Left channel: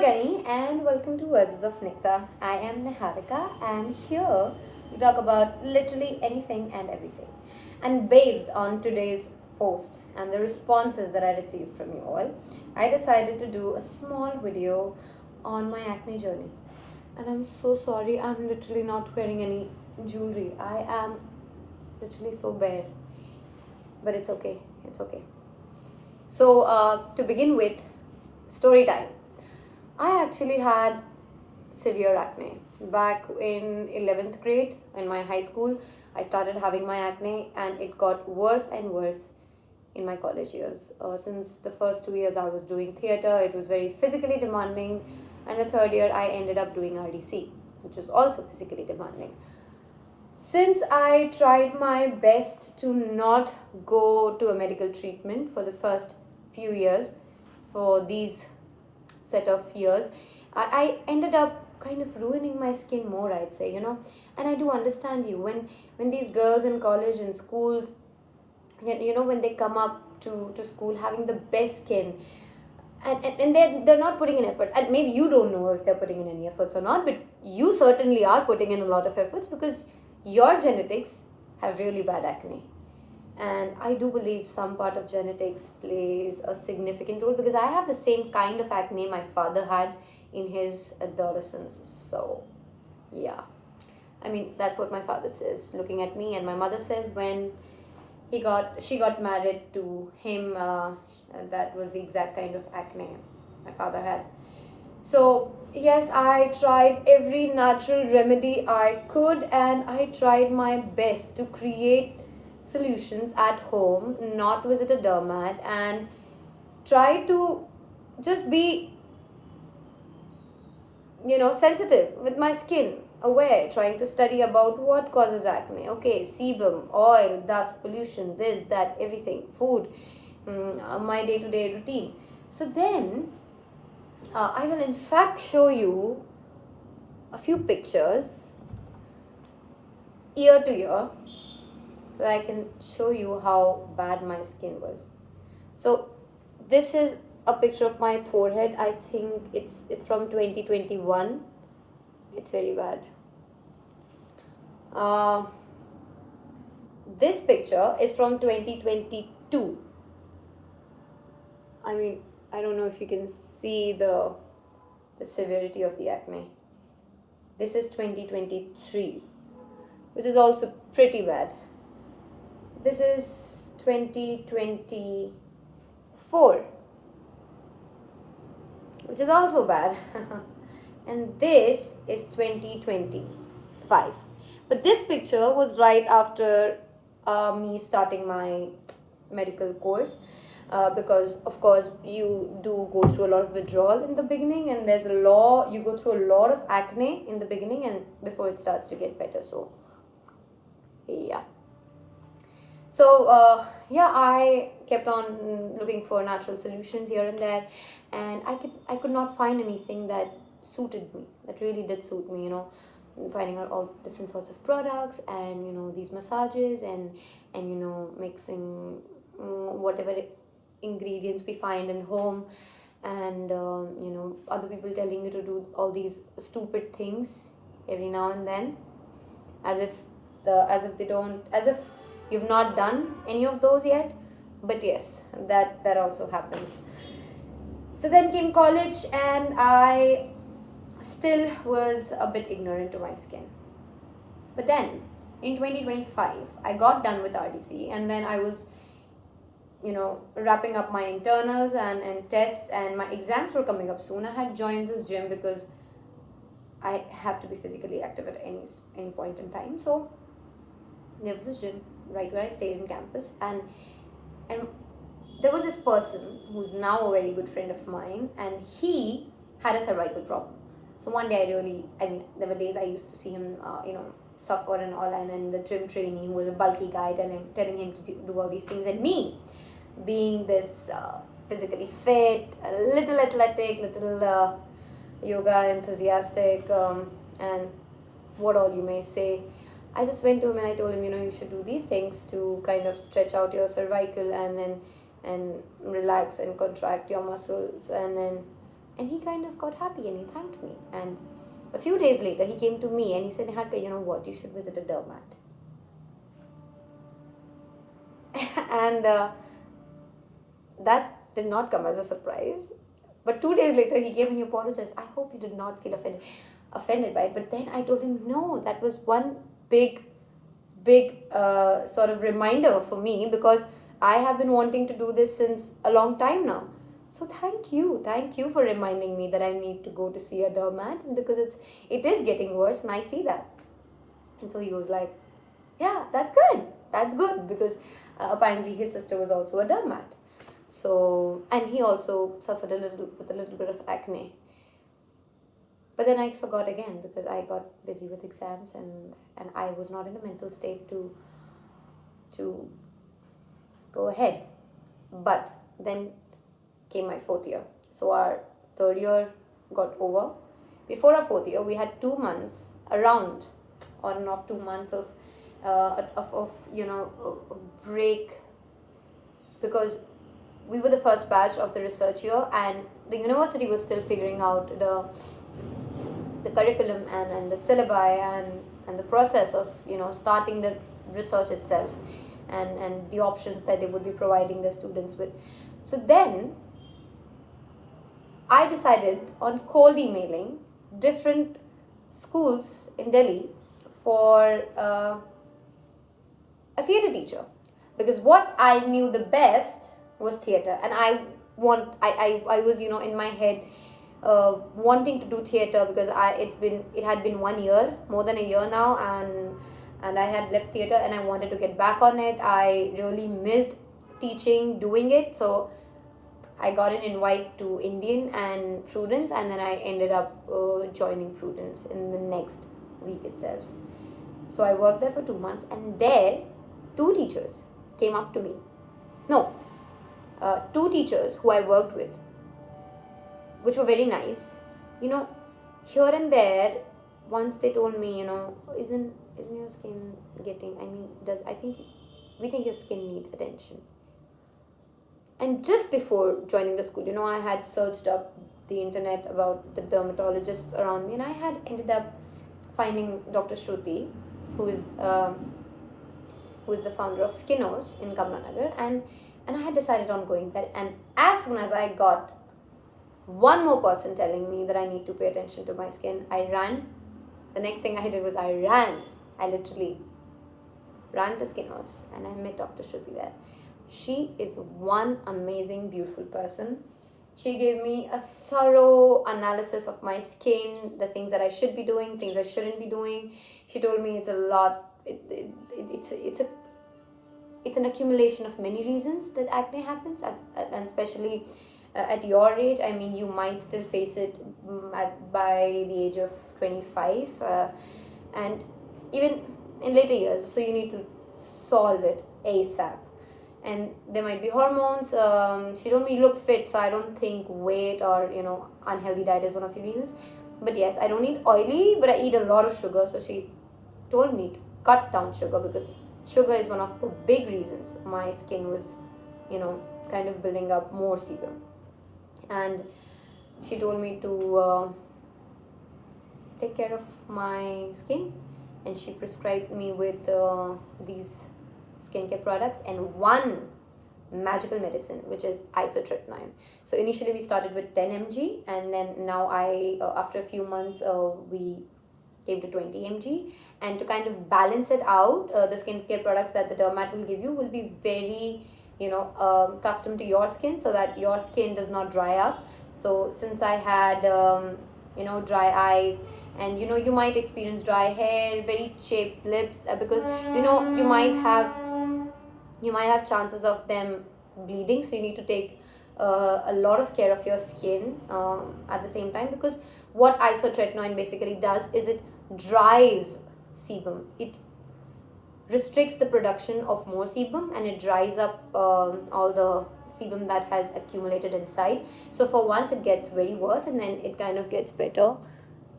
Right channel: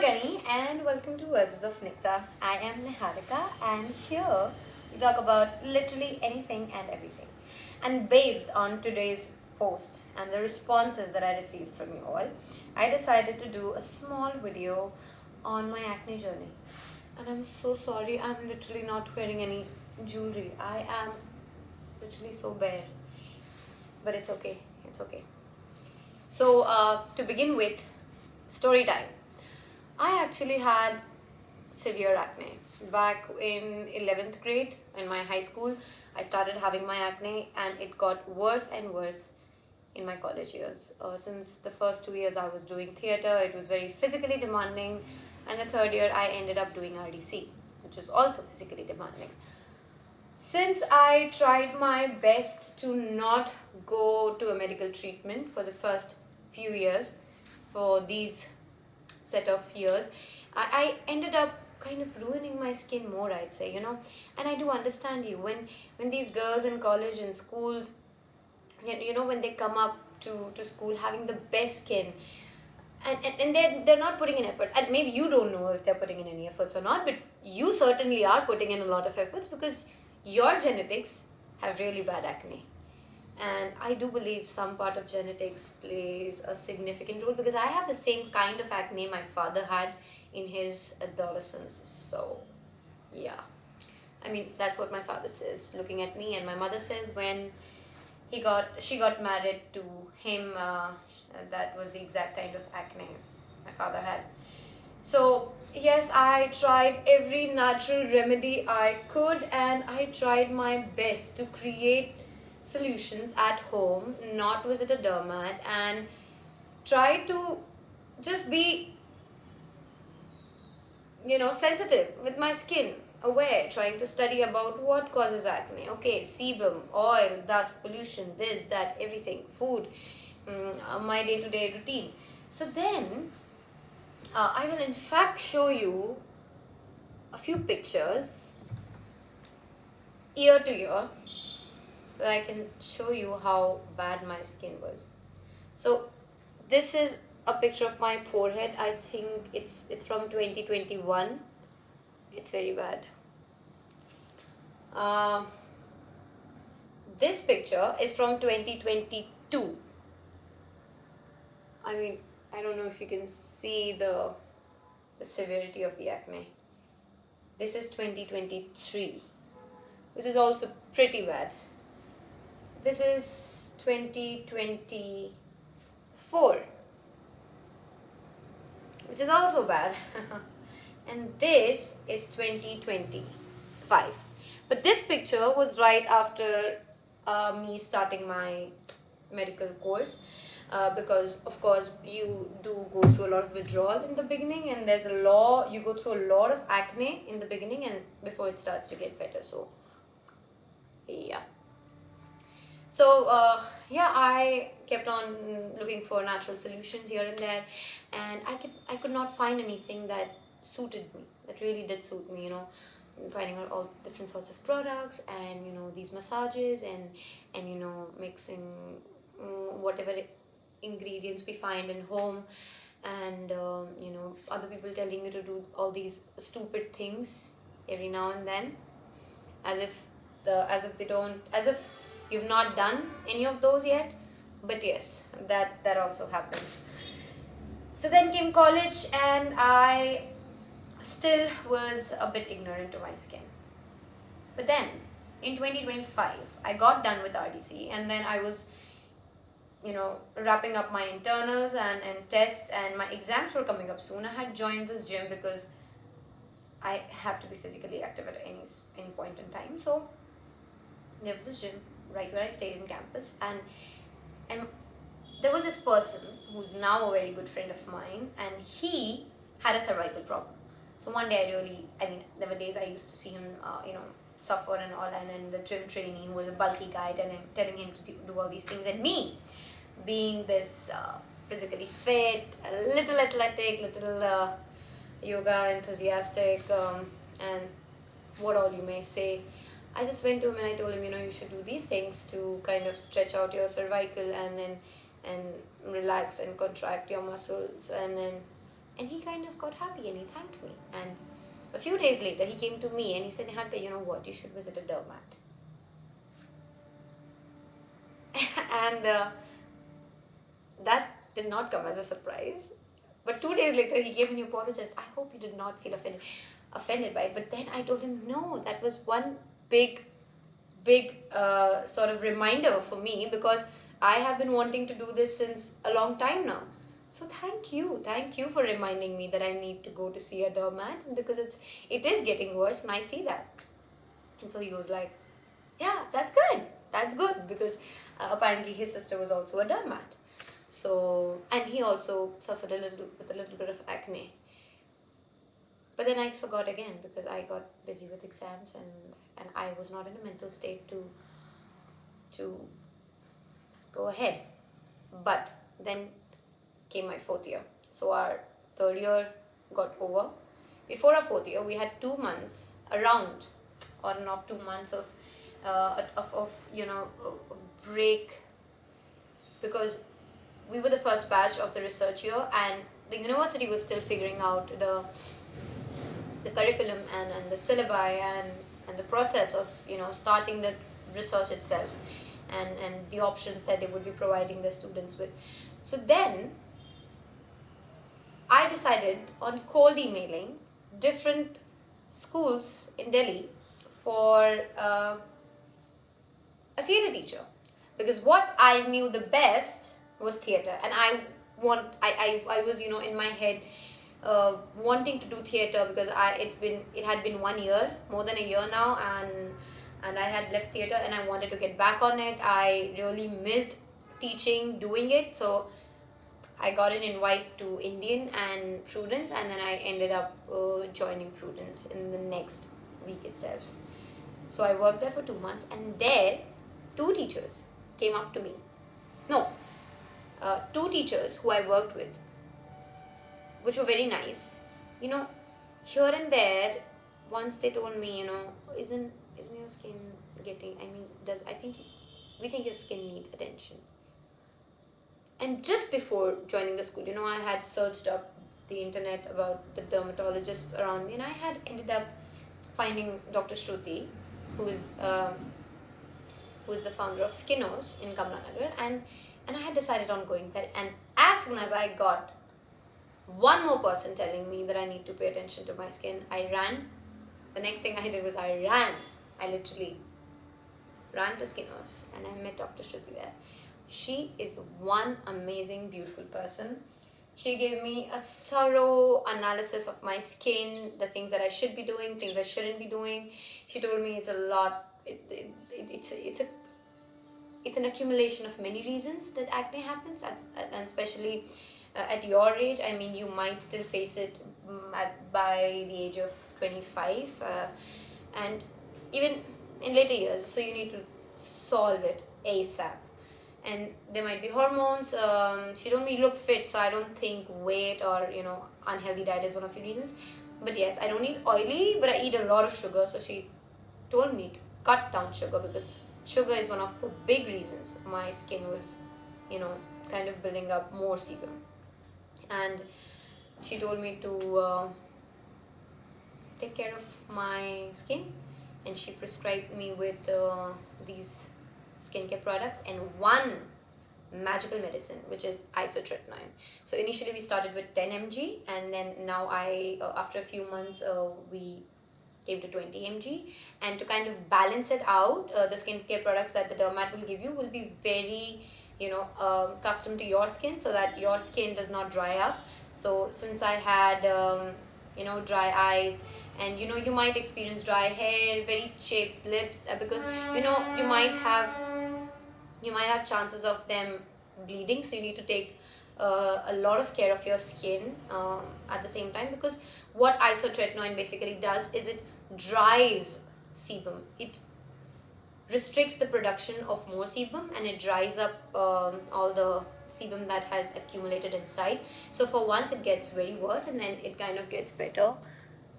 Gani and welcome to Verses of Nixa. I am Niharika and here we talk about literally anything and everything. And based on today's post and the responses that I received from you all, I decided to do a small video on my acne journey. And I'm so sorry, I'm literally not wearing any jewelry. I am literally so bare. But it's okay, it's okay. So, to begin with, story time. I actually had severe acne. Back in 11th grade in my high school, I started having my acne and it got worse and worse in my college years. Since the first 2 years I was doing theatre, it was very physically demanding, and the third year I ended up doing RDC, which was also physically demanding. Since I tried my best to not go to a medical treatment for the first few years, for these set of years, I ended up kind of ruining my skin more, I'd say, and I do understand you when these girls in college and schools, when they come up to school having the best skin, and they're not putting in efforts, and maybe you don't know if they're putting in any efforts or not, but you certainly are putting in a lot of efforts because your genetics have really bad acne. And I do believe some part of genetics plays a significant role because I have the same kind of acne my father had in his adolescence. So yeah, I mean, that's what my father says looking at me, and my mother says when she got married to him, that was the exact kind of acne my father had. So yes, I tried every natural remedy I could, and I tried my best to create solutions at home, not visit a dermat, and try to just be, sensitive with my skin, aware, trying to study about what causes acne. Okay, sebum, oil, dust, pollution, this, that, everything, food, my day-to-day routine. So then I will in fact show you a few pictures year to year so that I can show you how bad my skin was. So this is a picture of my forehead. I think it's from 2021. It's very bad. This picture is from 2022. I mean, I don't know if you can see the severity of the acne. This is 2023, which is also pretty bad. This is 2024, which is also bad. And this is 2025. But this picture was right after me starting my medical course. Because of course you do go through a lot of withdrawal in the beginning, and you go through a lot of acne in the beginning and before it starts to get better. So yeah, I kept on looking for natural solutions here and there, and I could not find anything that suited me, that really did suit me, finding out all different sorts of products and these massages and mixing whatever ingredients we find in home, and other people telling you to do all these stupid things every now and then, as if you've not done any of those yet. But yes, that also happens. So then came college, and I still was a bit ignorant to my skin. But then in 2025 I got done with RDC, and then I was wrapping up my internals and tests, and my exams were coming up soon. I had joined this gym because I have to be physically active at any point in time. So there was this gym right where I stayed in campus, and there was this person who's now a very good friend of mine, and he had a cervical problem. So one day there were days I used to see him suffer and all, and the gym trainee, who was a bulky guy, telling him to do all these things, and me being this physically fit, a little athletic, little yoga enthusiastic, and what all you may say, I just went to him and I told him, you should do these things to kind of stretch out your cervical and relax and contract your muscles, and And he kind of got happy and he thanked me. And a few days later, he came to me and he said, Niharika, you know what? You should visit a dermat. And that did not come as a surprise. But 2 days later, he came and he apologized. I hope you did not feel offended by it. But then I told him, no, that was one big sort of reminder for me, because I have been wanting to do this since a long time now. So thank you for reminding me that I need to go to see a dermat, because it is getting worse and I see that. And so he was like, yeah, that's good, because apparently his sister was also a dermat. So, and he also suffered with a little bit of acne. But then I forgot again because I got busy with exams, and I was not in a mental state to go ahead. But then came my fourth year. So our third year got over. Before our fourth year, we had 2 months, around on and off 2 months of a break, because we were the first batch of the research year, and the university was still figuring out the curriculum and the syllabi and the process of starting the research itself, and the options that they would be providing their students with. So then I decided on cold emailing different schools in Delhi for a theatre teacher, because what I knew the best was theatre, and I was in my head wanting to do theatre, because it had been 1 year, more than a year now, and I had left theatre and I wanted to get back on it. I really missed teaching, doing it. So I got an invite to Indian and Prudence, and then I ended up joining Prudence in the next week itself. So I worked there for 2 months, and there 2 teachers came up to me. No, 2 teachers who I worked with, which were very nice. Here and there, once they told me, isn't your skin getting, we think your skin needs attention. And just before joining the school, I had searched up the internet about the dermatologists around me, and I had ended up finding Dr. Shruti, who is the founder of Skinos in Kamlanagar, and I had decided on going there. And as soon as I got one more person telling me that I need to pay attention to my skin, I ran. The next thing I did was I ran. I literally ran to Skinos, and I met Dr. Shruti there. She is one amazing, beautiful person. She gave me a thorough analysis of my skin, the things that I should be doing, things I shouldn't be doing. She told me it's a lot. It's an accumulation of many reasons that acne happens, and especially at your age. I mean, you might still face it by the age of 25, and even in later years. So you need to solve it ASAP. And there might be hormones. She told me you look fit, so I don't think weight or unhealthy diet is one of the reasons. But yes, I don't eat oily, but I eat a lot of sugar. So she told me to cut down sugar, because sugar is one of the big reasons my skin was kind of building up more sebum. And she told me to take care of my skin, and she prescribed me with these skincare products and one magical medicine, which is isotretinoin. So initially we started with 10 mg, and then now after a few months we came to 20 mg. And to kind of balance it out, the skincare products that the dermat will give you will be very custom to your skin, so that your skin does not dry up. So since I had dry eyes, and you might experience dry hair, very chapped lips, because you might have chances of them bleeding, so you need to take a lot of care of your skin at the same time, because what isotretinoin basically does is it dries sebum. It restricts the production of more sebum, and it dries up all the sebum that has accumulated inside. So for once it gets very worse, and then it kind of gets better,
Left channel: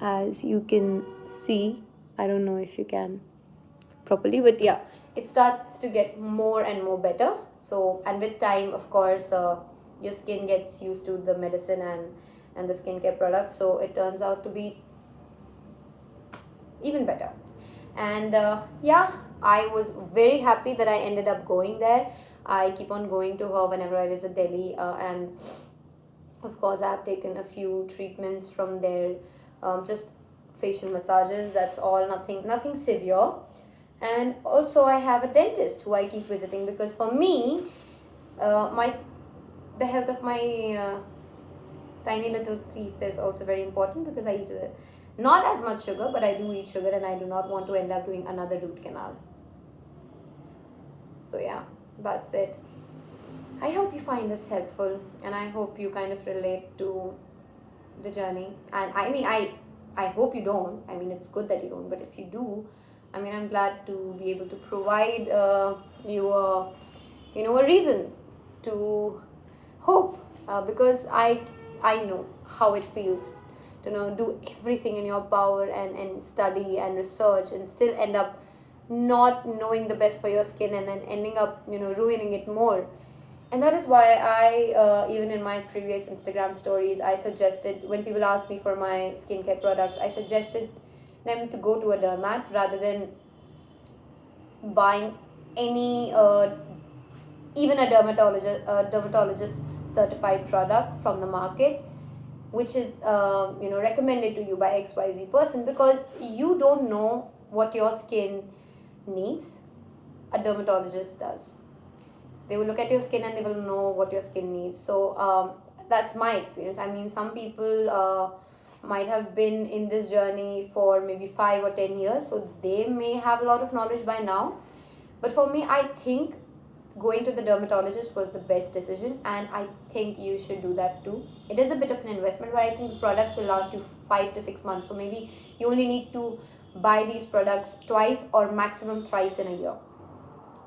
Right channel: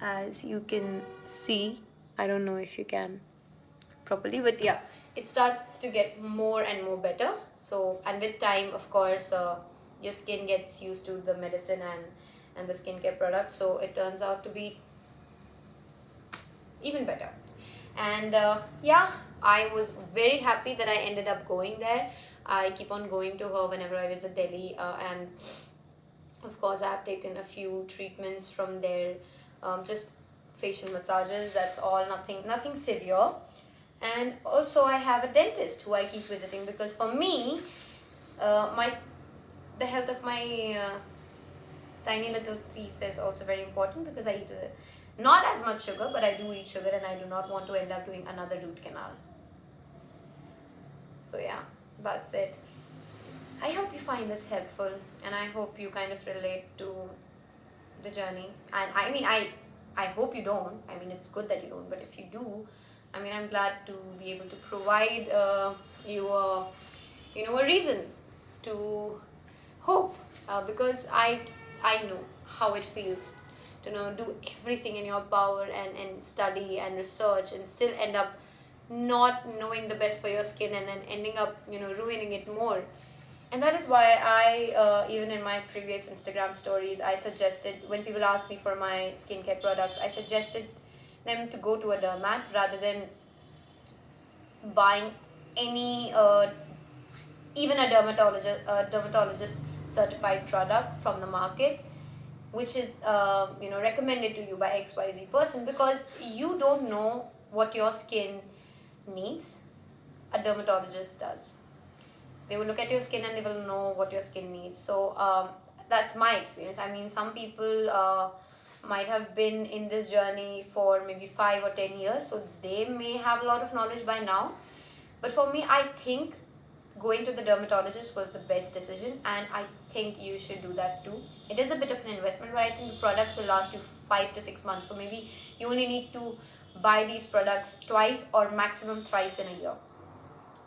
as you can see. I don't know if you can properly, but yeah, it starts to get more and more better. So, and with time, of course, your skin gets used to the medicine, and the skincare products, so it turns out to be even better. And yeah, I was very happy that I ended up going there. I keep on going to her whenever I visit Delhi, and of course I have taken a few treatments from there, just facial massages, that's all, nothing severe. And also I have a dentist who I keep visiting, because for me, my the health of my tiny little teeth is also very important, because I eat not as much sugar, but I do eat sugar, and I do not want to end up doing another root canal. So yeah, that's it. I hope you find this helpful, and I hope you kind of relate to the journey. And I mean, I hope you don't. I mean, it's good that you don't, but if you do, I mean, I'm glad to be able to provide you a reason to hope, because I know how it feels to do everything in your power, and study and research, and still end up not knowing the best for your skin, and then ending up ruining it more. And that is why I, even in my previous Instagram stories, I suggested, when people asked me for my skincare products, I suggested them to go to a dermat rather than buying any, even a dermatologist certified product from the market, which is recommended to you by XYZ person, because you don't know what your skin needs. A dermatologist does. They will look at your skin and they will know what your skin needs. So that's my experience. I mean, some people might have been in this journey for maybe 5 or 10 years, so they may have a lot of knowledge by now. But for me, I think going to the dermatologist was the best decision, and I think you should do that too. It is a bit of an investment, but I think the products will last you 5 to 6 months. So maybe you only need to buy these products twice or maximum thrice in a year.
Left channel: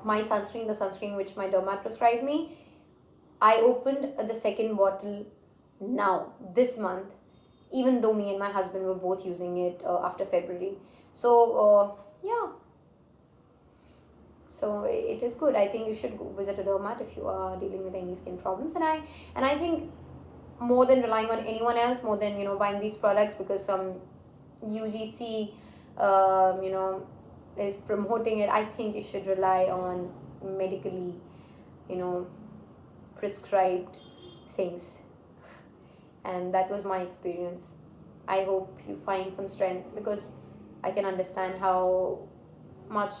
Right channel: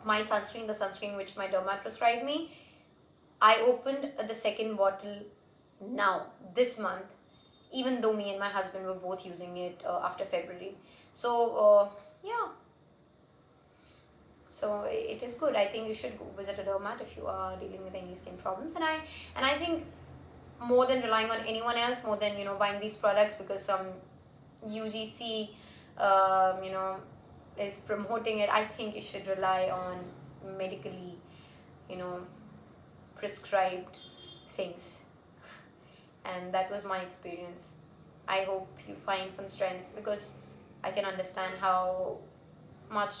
My sunscreen, the sunscreen which my dermat prescribed me, I opened the second bottle now, this month, even though me and my husband were both using it after February. So, yeah. So it is good. I think you should go visit a dermat if you are dealing with any skin problems. And I think, more than relying on anyone else, more than buying these products because some UGC is promoting it, I think you should rely on medically prescribed things. And that was my experience. I hope you find some strength, because I can understand how much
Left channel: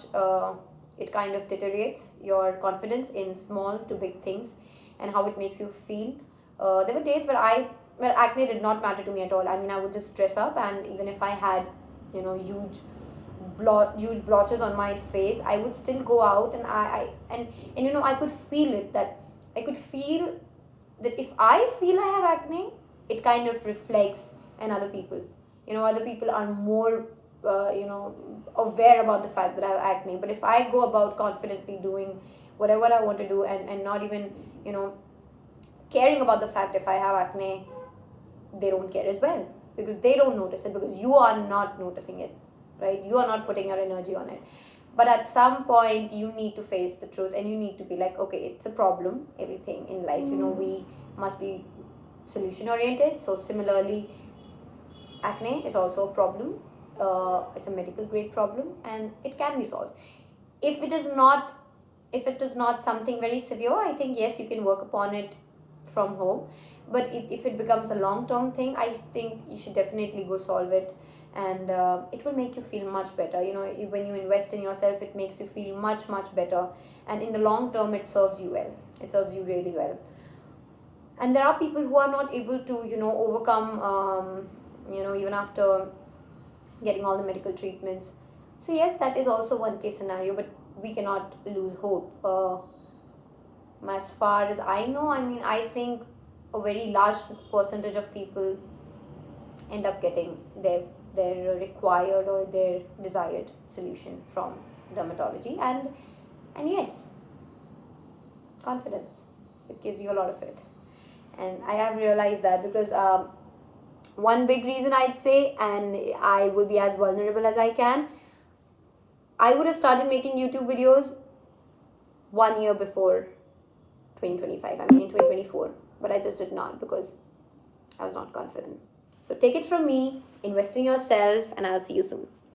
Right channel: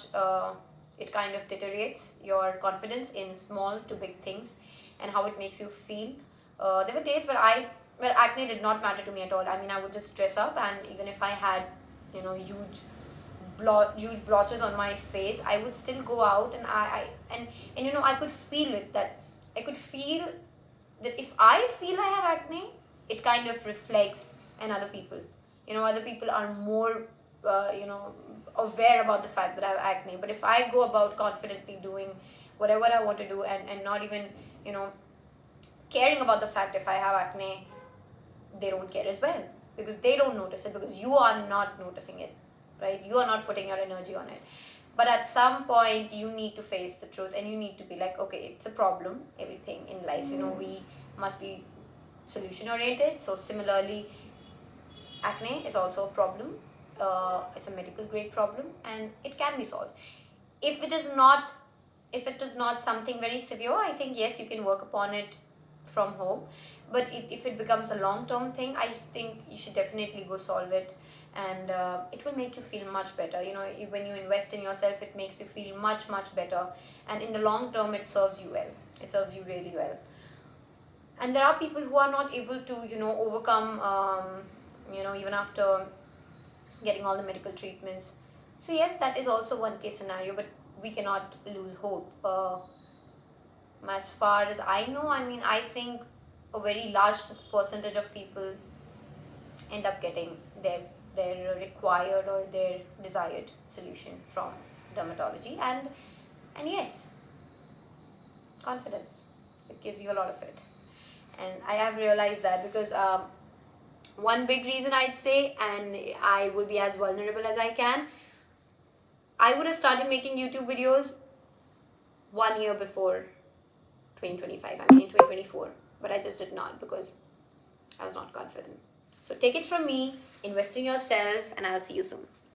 it kind of deteriorates your confidence in small to big things, and how it makes you feel. There were days where acne did not matter to me at all. I mean, I would just dress up, and even if I had huge blotches on my face, I would still go out, and I could feel it, that I could feel that if I feel I have acne, it kind of reflects in other people. Other people are more aware about the fact that I have acne. But if I go about confidently doing whatever I want to do, and not even caring about the fact if I have acne, they don't care as well, because they don't notice it, because you are not noticing it, right? You are not putting your energy on it. But at some point you need to face the truth, and you need to be like, okay, it's a problem. Everything in life, we must be solution oriented. So similarly, acne is also a problem. It's a medical grade problem, and it can be solved. If it is not something very severe, I think yes, you can work upon it from home. But if it becomes a long-term thing, I think you should definitely go solve it. And it will make you feel much better. When you invest in yourself, it makes you feel much better, and in the long term it serves you well. It serves you really well. And there are people who are not able to overcome even after getting all the medical treatments. So yes, that is also one case scenario, but we cannot lose hope. As far as I know, I mean, I think a very large percentage of people end up getting their required or their desired solution from dermatology. And yes, confidence, it gives you a lot of it. And I have realized that, because one big reason I'd say, and I will be as vulnerable as I can, I would have started making YouTube videos 1 year before 2025. I mean, in 2024, but I just did not, because I was not confident. So take it from me, invest in yourself, and I'll see you soon.